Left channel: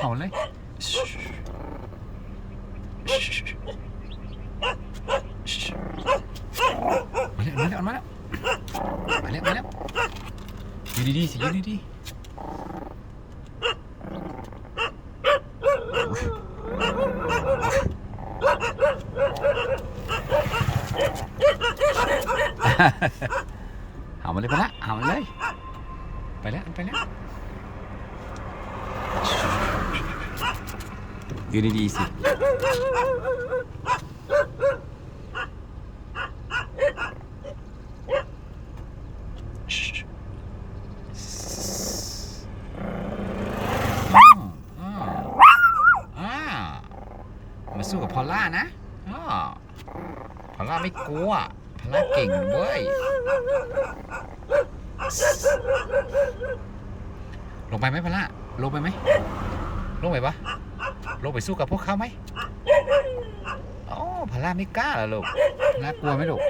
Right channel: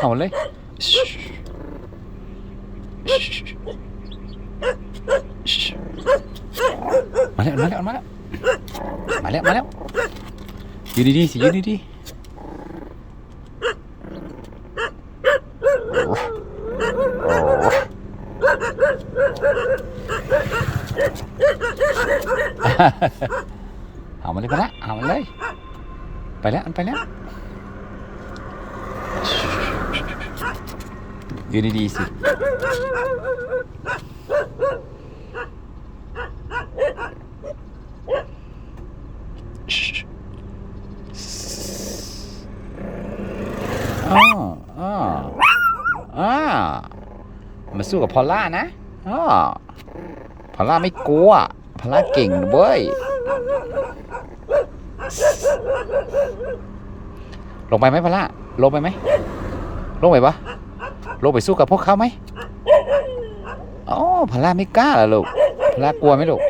เอาเลยเอาเลยลูกเอาเลยมาแล้วมาแล้วมาแล้วมาแล้วมาแล้วอยู่ดีๆสิอยู่ดีๆเอามาเลยไปละเอามาเลย ไปแล้วไปแล้ว ยืนดีๆสิมาสู้กับพอลล่านะอ๋อพอลล่าไม่กลัว พอลล่าเก่งเว้ย ลงไปไหมพอลล่า ลงไปไหม ลงไปปะ ลงไปสู้กับพวกเขาไหมอ๋อพลาไม่กล้าเหรอลูกพลากลัวไหมลูก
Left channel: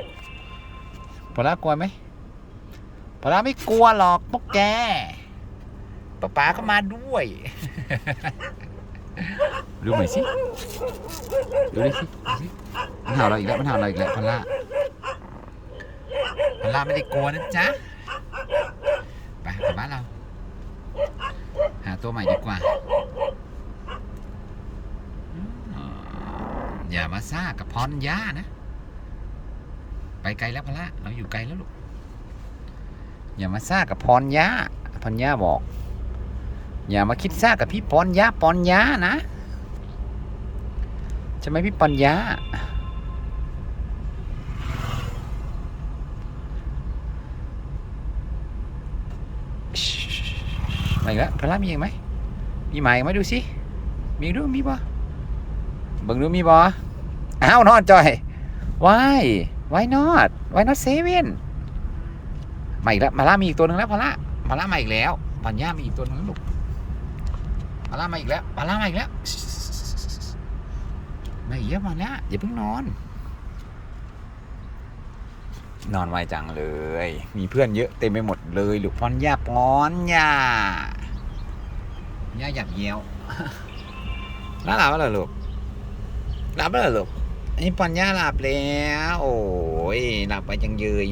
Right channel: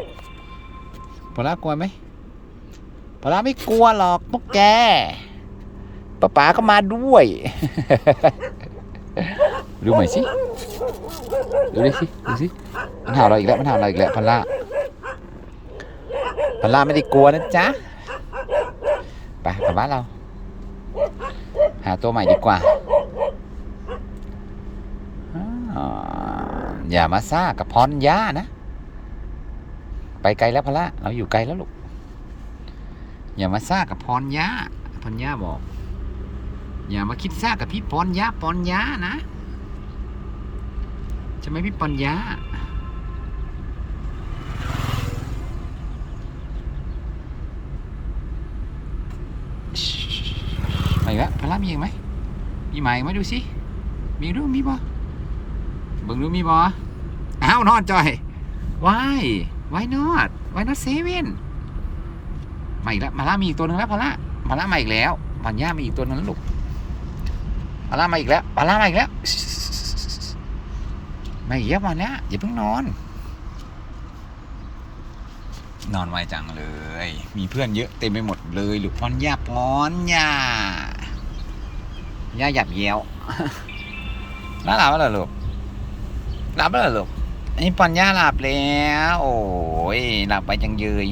พลากลัวไหมพลาไม่กลัวหรอกพวกแกป้าป๋าก็มาด้วย ดูใหน่สิ ดูดิสิดูสิมันเห่าเราอีกแล้วมันเห่าเราอีกแล้วพลาพลาไม่ได้กลัวนะจ๊ะไปกลับบ้านเรา หาตัวใหม่ดีกว่า อย่ามาซ่ากับพรยานะ ไปไกลแล้วพละเราอยู่ไกลแล้วลูก อย่ามาซ่ากับพรยาพรยาบอก อย่ามาคิดซ่ากับพี่ปอนยาปอนยานะใช่ไหมพี่ปอนยามาอีกแล้วพะละมีอีกไหมมีหมายไหมดูสิมีดูมีบ่ เบิ่งดูมีบ่อ้าวนอนจอย why why not why not seven มาอีกแล้วมาล่ามีอีกตัวหนึ่งแล้วพาร่ามาล่ามาอีกแล้วปัญญามีอีกตัวหนึงแล้วลูกพาร่ามาอีกแล้วพาร่ามาอีกแล้วมาอีกแล้วมาแล้วอย่าเพิ่งนอน นอนไวจังเลย มีเพื่อนเยอะเต็มไปหมดเลยลูกพอนยาพอนยาย่าหยับเยี้ยวแล้วหลับแล้วเหรลูก หลับแล้วเหรอลูกไอ้ปอนย่าหลับแล้ว โอ้ยหลับไปจังเยย